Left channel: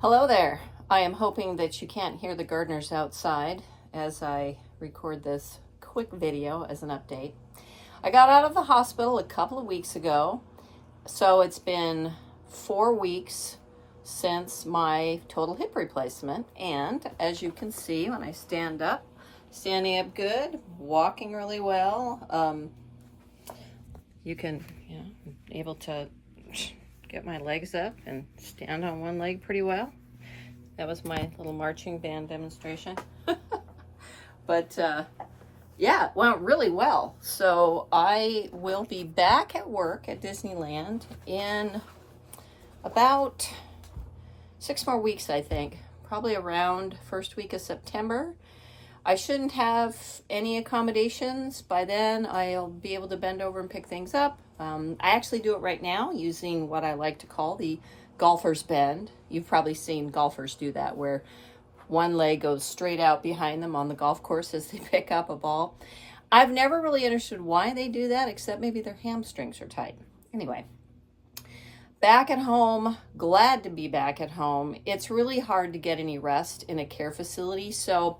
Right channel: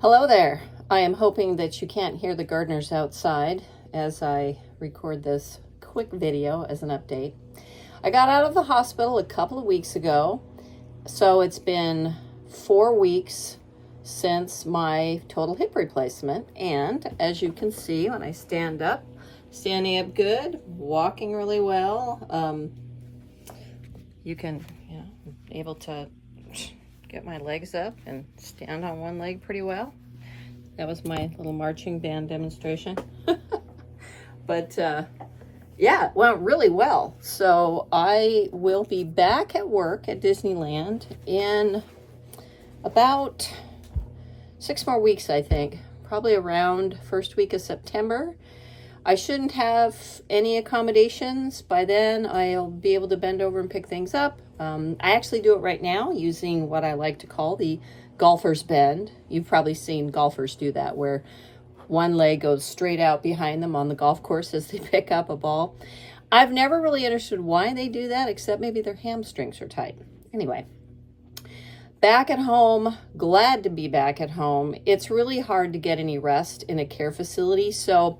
Hello there. I am hoping that you can't hear the gardeners outside as I record this quick video as an update. I got out of the hospital a couple of weeks ago, so it's been 4 weeks since my total hip replacement. And as you can see, when I stand up, standing up good, walking really well. You can, able to get my legs up and stand on one leg pretty well. That was my little marching band demonstration. But yeah, it went really well. So I will be back at work at Disneyland in about 6 more weeks, I think. Probably around first week of September. I shouldn't have any accommodations. By then, I'll be able to bend over and pick things up. I actually do it right now using what I like to call the golfer's bend. You've probably seen golfers do that, where one leg goes straight out behind them on the golf course as they pick up a ball. I've never really understood why they do that, except maybe their hamstrings are tight. Anyway, back at home, glad to be back at home. It's really hard to get any rest in a care facility, so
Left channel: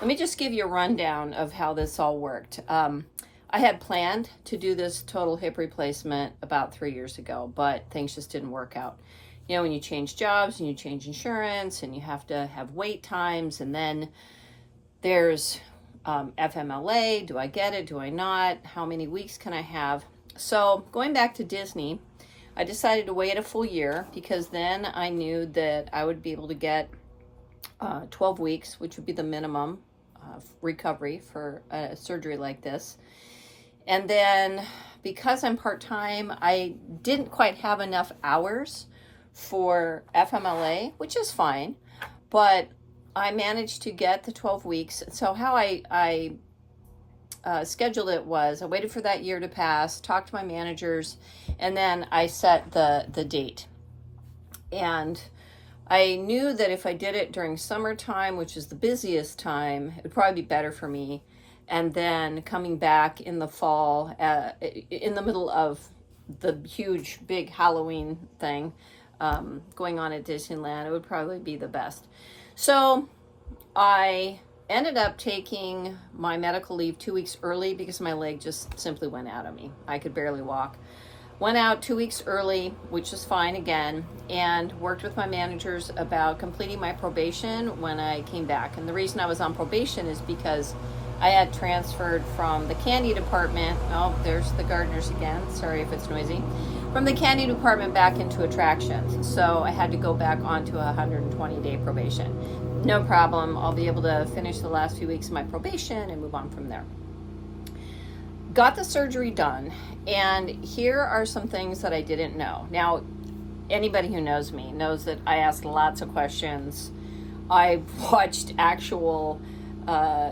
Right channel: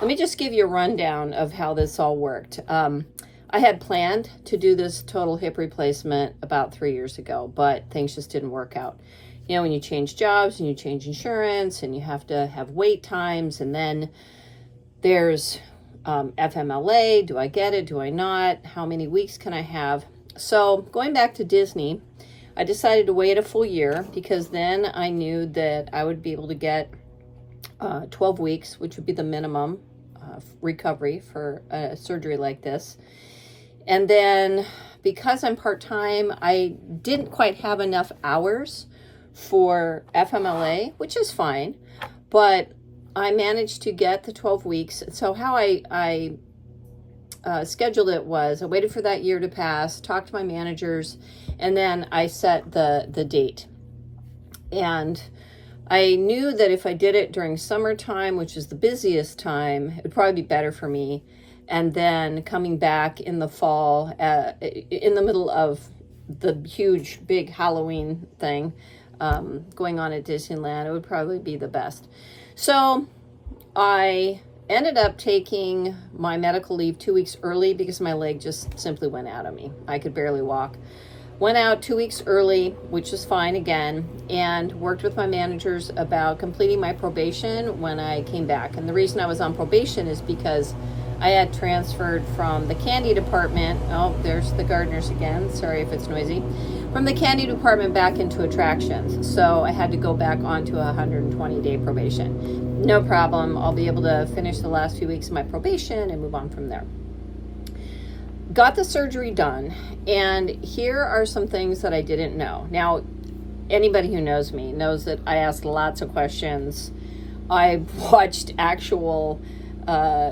let me just give you a rundown of how this all worked. I had planned to do this total hip replacement about 3 years ago, but things just didn't work out. You know, when you change jobs and you change insurance and you have to have wait times, and then there's FMLA. Do I get it? Do I not? How many weeks can I have? So going back to Disney, I decided to wait a full year because then I knew that I would be able to get 12 weeks, which would be the minimum recovery for a surgery like this. And then because I'm part-time, I didn't quite have enough hours for FMLA, which is fine, but I managed to get the 12 weeks. So how I scheduled it was I waited for that year to pass, talked to my managers, and then I set the date. And I knew that if I did it during summertime, which is the busiest time, it would probably be better for me. And then coming back in the fall, in the middle of the huge, big Halloween thing going on at Disneyland, it would probably be the best. So I ended up taking my medical leave 2 weeks early because my leg just simply went out of me. I could barely walk. Went out 2 weeks early, which was fine again, and worked with my managers about completing my probation when I came back. And the reason I was on probation is because I had transferred from the candy department. Oh, there's the gardeners again. Sorry if it's noisy. From the candy department back into attractions. So I had to go back onto a 120-day probation. No problem. I'll be able to finish the last few weeks of my probation and move on from there. Got the surgery done, and here are some things that I didn't know. Now, anybody who knows me knows that I ask lots of questions. I watched actual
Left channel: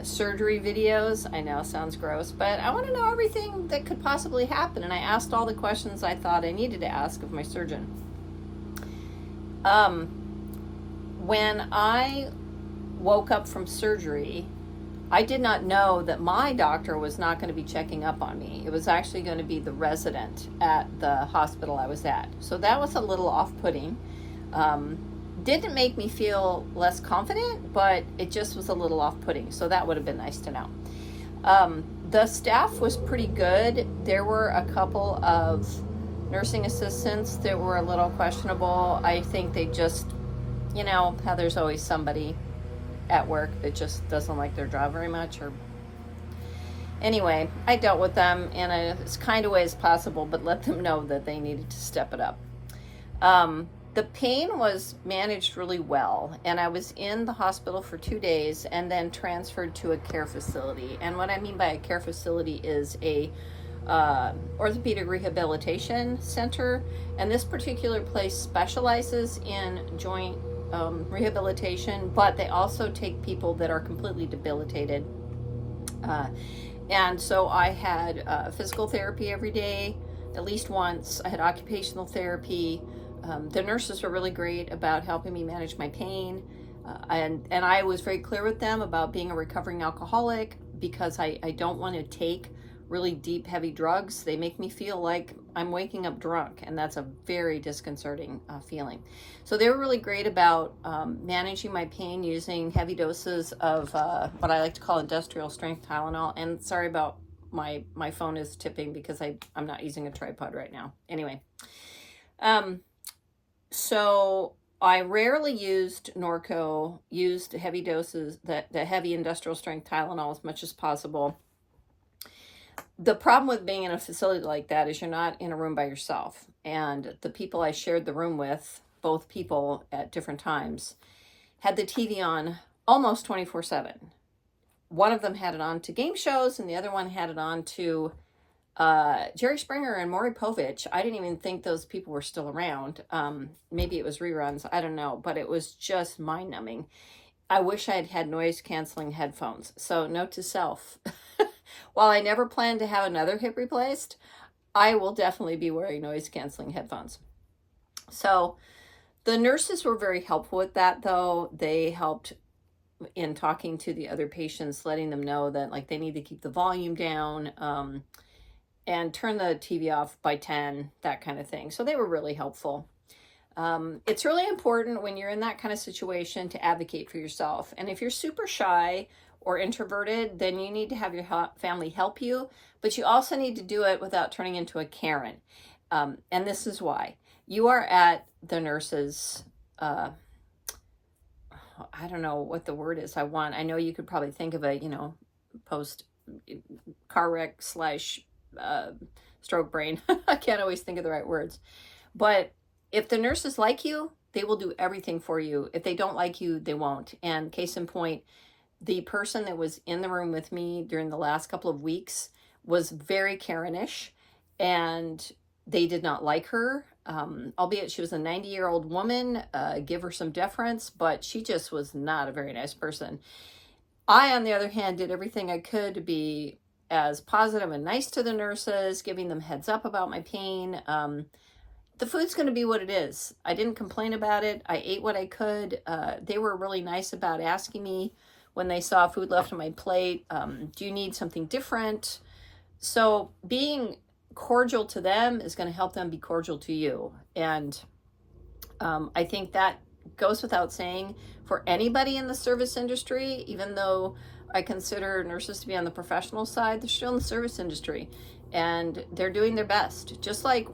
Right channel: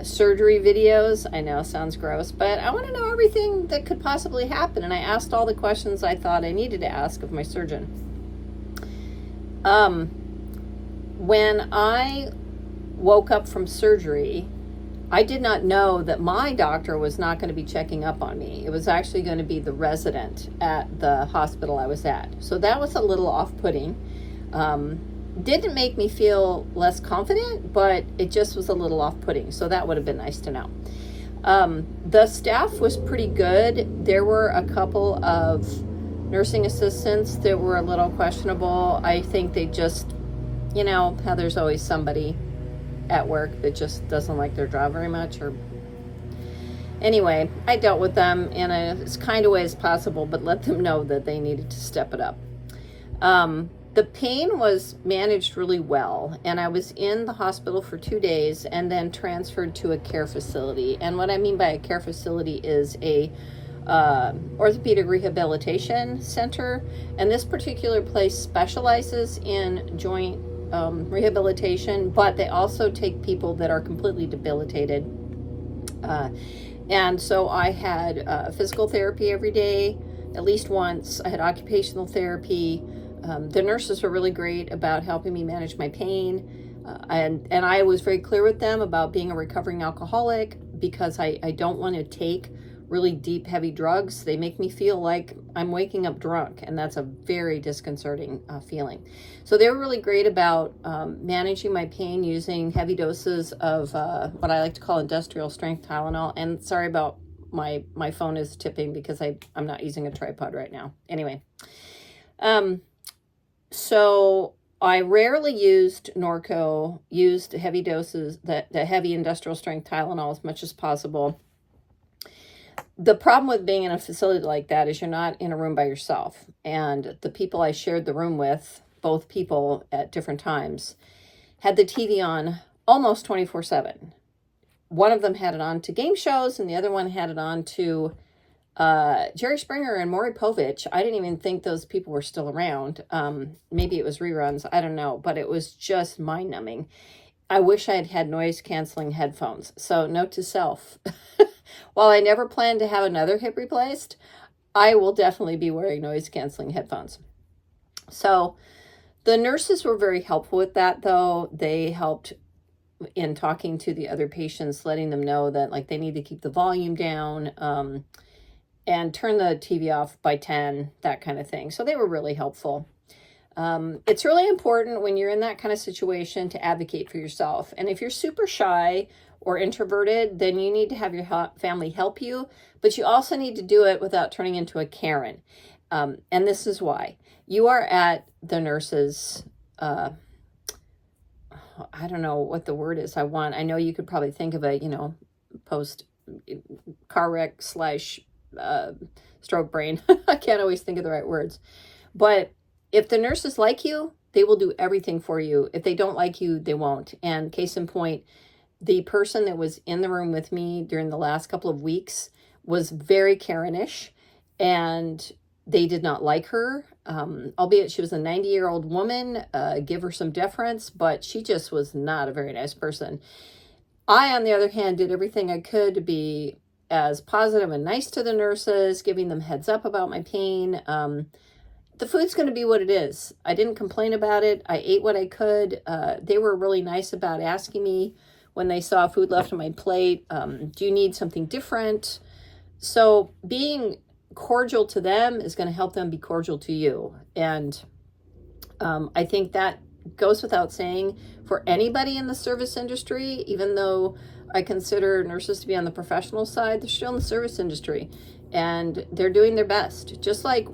surgery videos. I know, sounds gross, but I want to know everything that could possibly happen, and I asked all the questions I thought I needed to ask of my surgeon. When I woke up from surgery, I did not know that my doctor was not going to be checking up on me. It was actually going to be the resident at the hospital I was at. So that was a little off-putting. Didn't make me feel less confident, but it just was a little off-putting. So that would have been nice to know. The staff was pretty good. There were a couple of nursing assistants that were a little questionable. I think they just, you know, how there's always somebody at work that just doesn't like their job very much. Or anyway, I dealt with them in as kind of way as possible, but let them know that they needed to step it up. The pain was managed really well, and I was in the hospital for 2 days and then transferred to a care facility. And what I mean by a care facility is a orthopedic rehabilitation center, and this particular place specializes in joint rehabilitation, but they also take people that are completely debilitated. And so I had physical therapy every day, at least once. I had occupational therapy. The nurses were really great about helping me manage my pain. And I was very clear with them about being a recovering alcoholic because I don't want to take really deep, heavy drugs, they make me feel like I'm waking up drunk, and that's a very disconcerting feeling. So they were really great about managing my pain using heavy doses of what I like to call industrial strength Tylenol. And sorry about my phone is tipping because I'm not using a tripod right now. Anyway, so I rarely used Norco, used heavy doses, the heavy industrial strength Tylenol as much as possible. The problem with being in a facility like that is you're not in a room by yourself. And the people I shared the room with, both people at different times, had the TV on almost 24/7. One of them had it on to game shows, and the other one had it on to Jerry Springer and Maury Povich. I didn't even think those people were still around. Maybe it was reruns. I don't know. But it was just mind-numbing. I wish I had had noise-canceling headphones. So note to self. While I never plan to have another hip replaced, I will definitely be wearing noise-canceling headphones. So the nurses were very helpful with that, though. They helped in talking to the other patients, letting them know that like they need to keep the volume down and turn the TV off by 10, that kind of thing. So they were really helpful. It's really important when you're in that kind of situation to advocate for yourself. And if you're super shy or introverted, then you need to have your family help you, but you also need to do it without turning into a Karen. And this is why. You are at the nurse's, I don't know what the word is I know you could probably think of a, post car wreck / stroke brain. I can't always think of the right words. But if the nurses like you, they will do everything for you. If they don't like you, they won't. And case in point, the person that was in the room with me during the last couple of weeks was very Karen-ish, and they did not like her, albeit she was a 90-year-old woman. Give her some deference, but she just was not a very nice person. I, on the other hand, did everything I could to be as positive and nice to the nurses, giving them heads up about my pain. The food's going to be what it is. I didn't complain about it. I ate what I could. They were really nice about asking me when they saw food left on my plate, do you need something different? So being cordial to them is going to help them be cordial to you. And I think that goes without saying for anybody in the service industry. Even though I consider nurses to be on the professional side, they're still in the service industry, and they're doing their best. Just like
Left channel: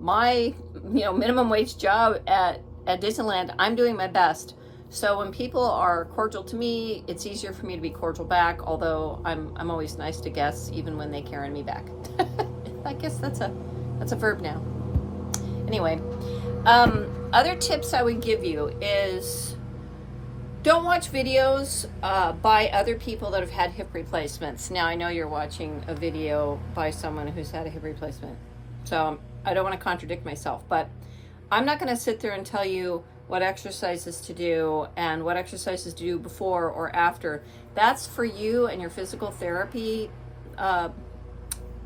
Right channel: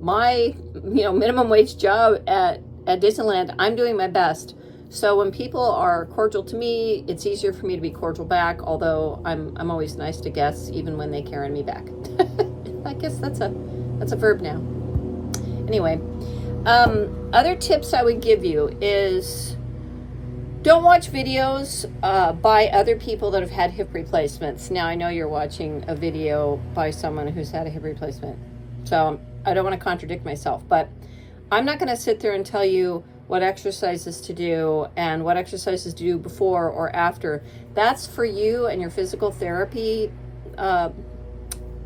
my minimum wage job at Disneyland, I'm doing my best. So when people are cordial to me, it's easier for me to be cordial back, although I'm always nice to guests, even when they Karen me back. I guess that's a verb now. Anyway, other tips I would give you is don't watch videos by other people that have had hip replacements. Now, I know you're watching a video by someone who's had a hip replacement, so I don't want to contradict myself, but I'm not going to sit there and tell you what exercises to do and what exercises to do before or after. That's for you and your physical therapy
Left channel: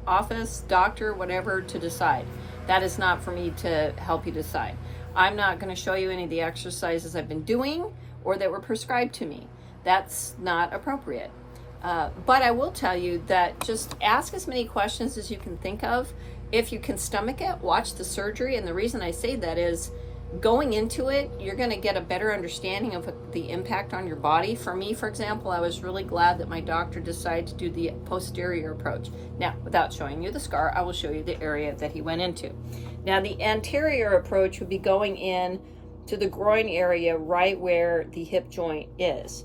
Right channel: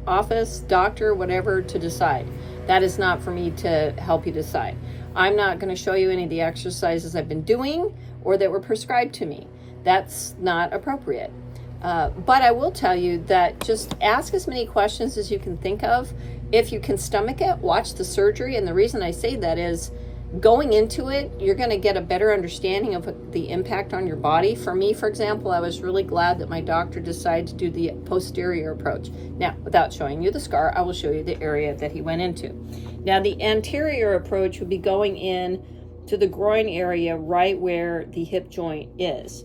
office, doctor, whatever, to decide. That is not for me to help you decide. I'm not going to show you any of the exercises I've been doing or that were prescribed to me. That's not appropriate. But I will tell you that just ask as many questions as you can think of. If you can stomach it, watch the surgery. And the reason I say that is going into it, you're going to get a better understanding of the impact on your body. For me, for example, I was really glad that my doctor decided to do the posterior approach. Now, without showing you the scar, I will show you the area that he went into. Now, the anterior approach would be going in to the groin area right where the hip joint is.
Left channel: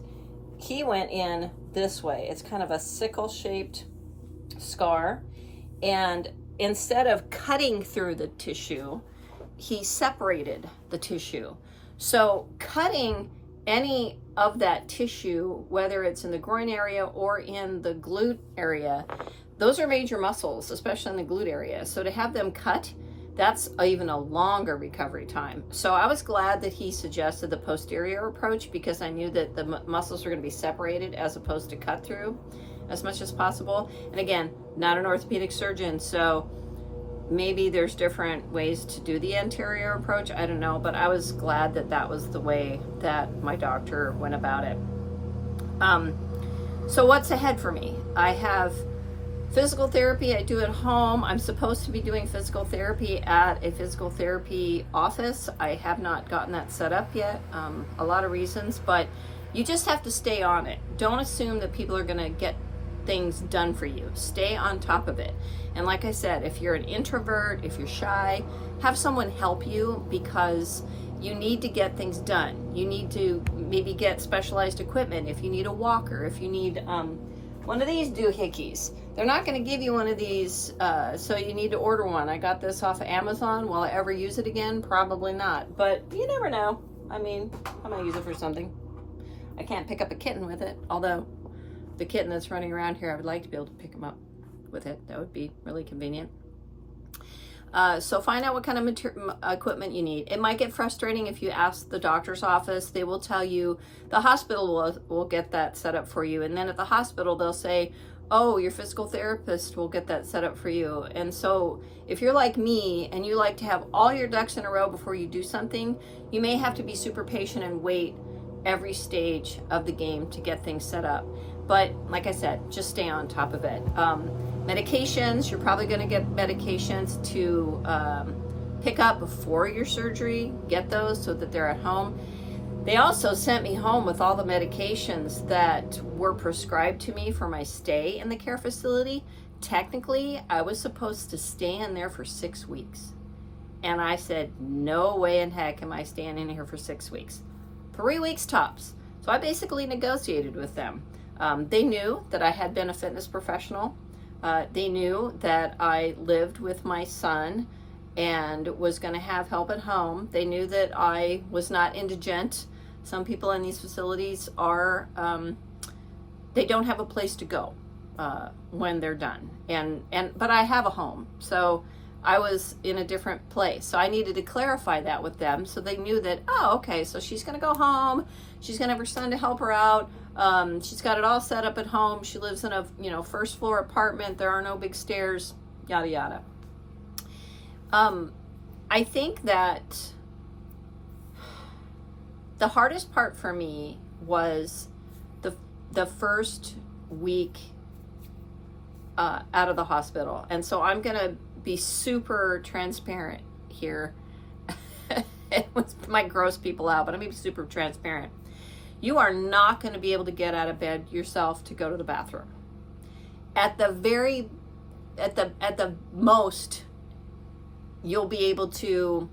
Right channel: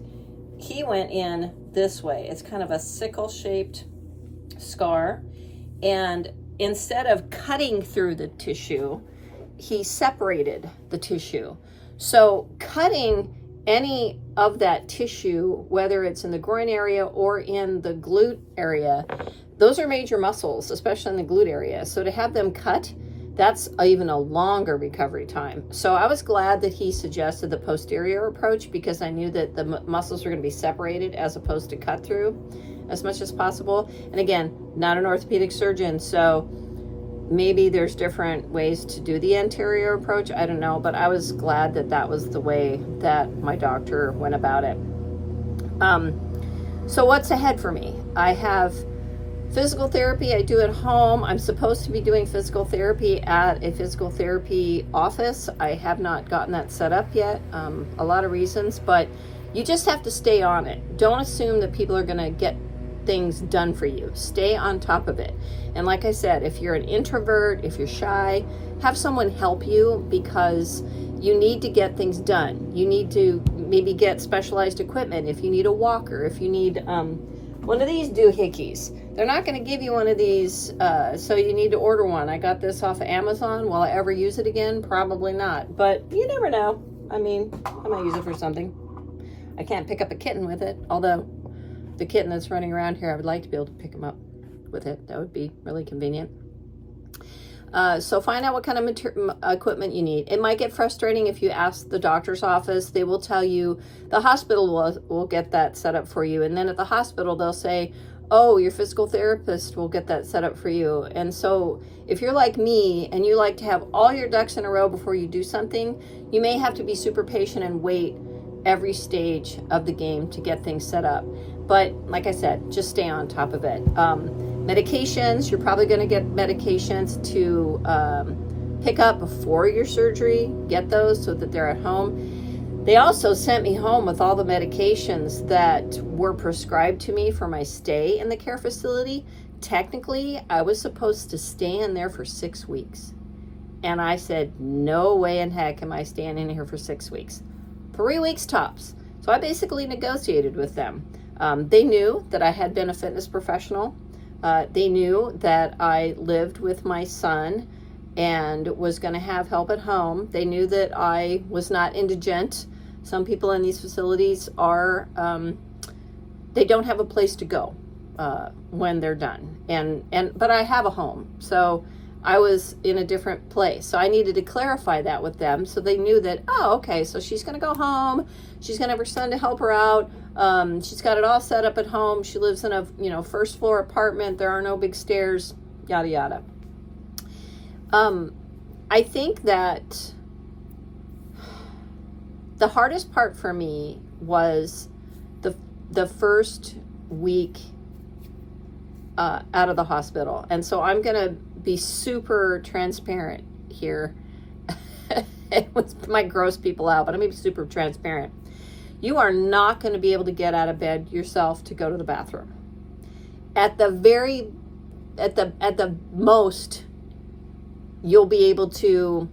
He went in this way. It's kind of a sickle-shaped scar. And instead of cutting through the tissue, he separated the tissue. So cutting any of that tissue, whether it's in the groin area or in the glute area, those are major muscles, especially in the glute area. So to have them cut, that's even a longer recovery time. So I was glad that he suggested the posterior approach, because I knew that the muscles were going to be separated as opposed to cut through as much as possible. And again, not an orthopedic surgeon, so maybe there's different ways to do the anterior approach. I don't know, but I was glad that that was the way that my doctor went about it. So what's ahead for me? I have Physical therapy I do at home. I'm supposed to be doing physical therapy at a physical therapy office. I have not gotten that set up yet. A lot of reasons, but you just have to stay on it. Don't assume that people are going to get things done for you. Stay on top of it. And like I said, if you're an introvert, if you're shy, have someone help you, because you need to get things done. You need to maybe get specialized equipment. If you need a walker, if you need one of these doohickeys. They're not going to give you one of these, so you need to order one. I got this off of Amazon. Will I ever use it again? Probably not, but you never know. I mean, I might use it for something. I can't pick up a kitten with it, although the kitten that's running around here, I would like to be able to pick him up with it. That would be really convenient. So find out what kind of equipment you need. It might get frustrating if you ask the doctor's office. They will tell you, the hospital will get that set up for you. And then at the hospital, they'll say, oh, your physical therapist will get that set up for you. And so if you're like me and you like to have all your ducks in a row before you do something, you may have to be super patient and wait every stage of the game to get things set up. But like I said, just stay on top of it. Medications, you're probably going to get medications to pick up before your surgery. Get those so that they're at home. They also sent me home with all the medications that were prescribed to me for my stay in the care facility. Technically, I was supposed to stay in there for 6 weeks. And I said, no way in heck am I staying in here for 6 weeks. 3 weeks tops. So I basically negotiated with them. They knew that I had been a fitness professional. They knew that I lived with my son and was going to have help at home. They knew that I was not indigent. Some people in these facilities are, they don't have a place to go when they're done. But I have a home. So I was in a different place. So I needed to clarify that with them so they knew that, oh, okay, so she's going to go home. She's going to have her son to help her out. She's got it all set up at home. She lives in a first floor apartment. There are no big stairs, yada, yada. I think that the hardest part for me was the first week out of the hospital. And so I'm going to be super transparent here. It might gross people out, but I'm going to be super transparent. You are not going to be able to get out of bed yourself to go to the bathroom. At the most, you'll be able to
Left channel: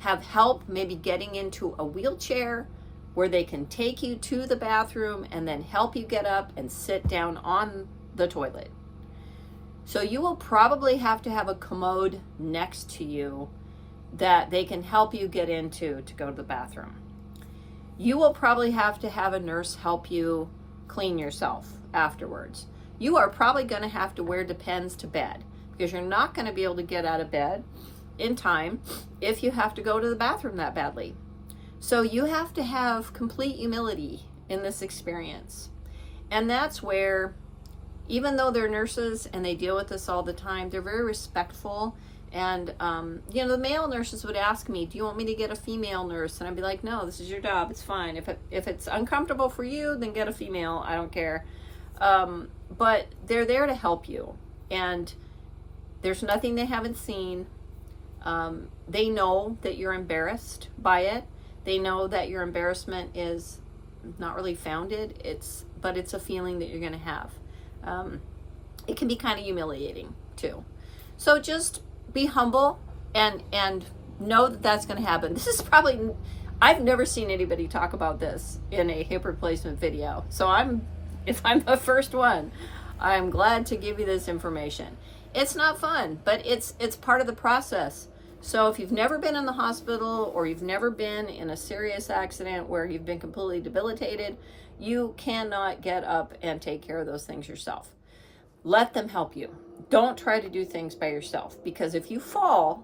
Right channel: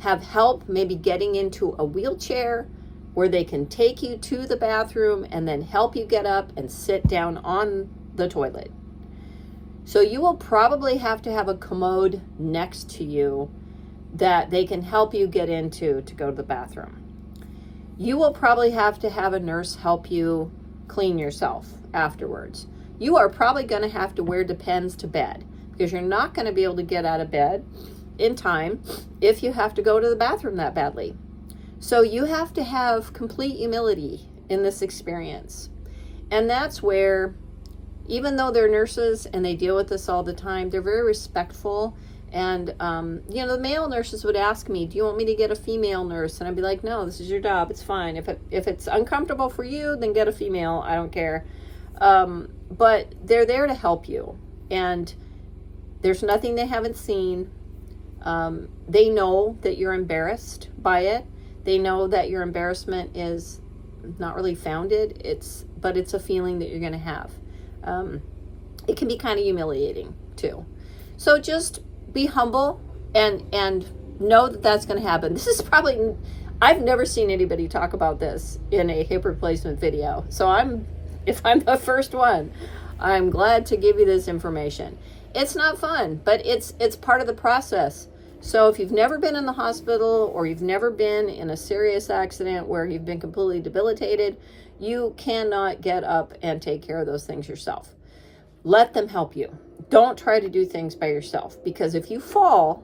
have help maybe getting into a wheelchair where they can take you to the bathroom and then help you get up and sit down on the toilet. So you will probably have to have a commode next to you that they can help you get into to go to the bathroom. You will probably have to have a nurse help you clean yourself afterwards. You are probably going to have to wear Depends to bed because you're not going to be able to get out of bed in time if you have to go to the bathroom that badly. So you have to have complete humility in this experience. And that's where, even though they're nurses and they deal with this all the time, they're very respectful. And, the male nurses would ask me, do you want me to get a female nurse? And I'd be like, no, this is your job. It's fine. If it's uncomfortable for you, then get a female. I don't care. But they're there to help you. And there's nothing they haven't seen. They know that you're embarrassed by it. They know that your embarrassment is not really founded. But it's a feeling that you're going to have. It can be kind of humiliating too. So just be humble and know that that's going to happen. This is probably, I've never seen anybody talk about this in a hip replacement video. So if I'm the first one, I'm glad to give you this information. It's not fun, but it's part of the process. So if you've never been in the hospital or you've never been in a serious accident where you've been completely debilitated, you cannot get up and take care of those things yourself. Let them help you. Don't try to do things by yourself, because if you fall,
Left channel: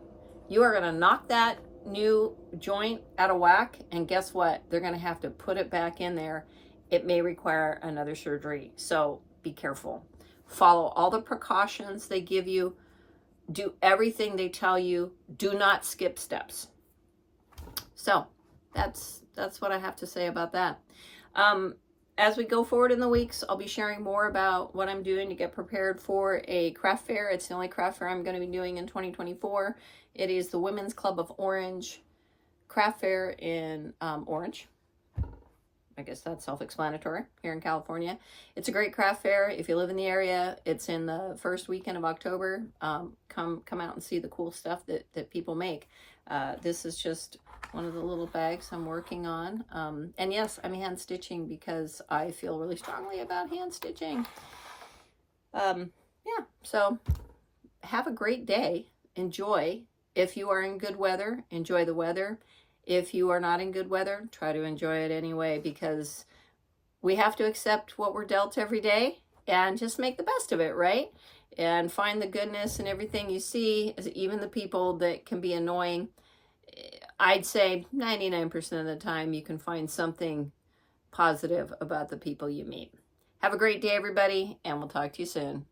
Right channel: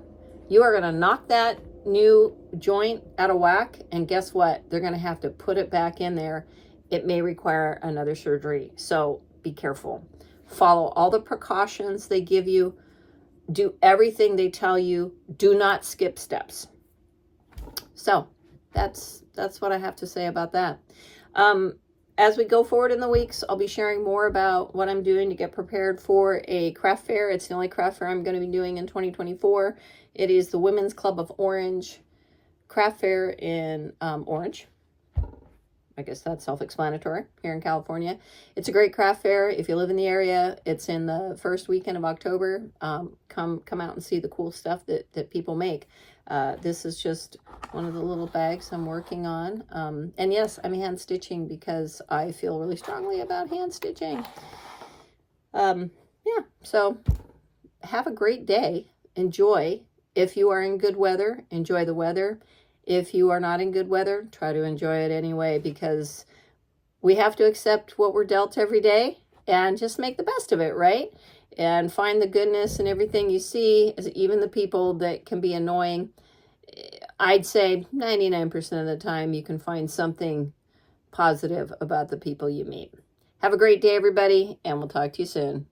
you are going to knock that new joint out of whack, and guess what? They're going to have to put it back in there. It may require another surgery, so be careful. Follow all the precautions they give you. Do everything they tell you. Do not skip steps. So that's what I have to say about that. as we go forward in the weeks, I'll be sharing more about what I'm doing to get prepared for a craft fair. It's the only craft fair I'm going to be doing in 2024. It is the Women's Club of Orange craft fair in Orange. I guess that's self-explanatory here in California. It's a great craft fair. If you live in the area, it's in the first weekend of October. Come out and see the cool stuff that people make. This is just one of the little bags I'm working on. And yes, I'm hand stitching because I feel really strongly about hand stitching. Yeah, so have a great day. Enjoy. If you are in good weather, enjoy the weather. If you are not in good weather, try to enjoy it anyway, because we have to accept what we're dealt every day and just make the best of it, right? And find the goodness in everything you see, even the people that can be annoying. I'd say 99% of the time you can find something positive about the people you meet. Have a great day, everybody, and we'll talk to you soon.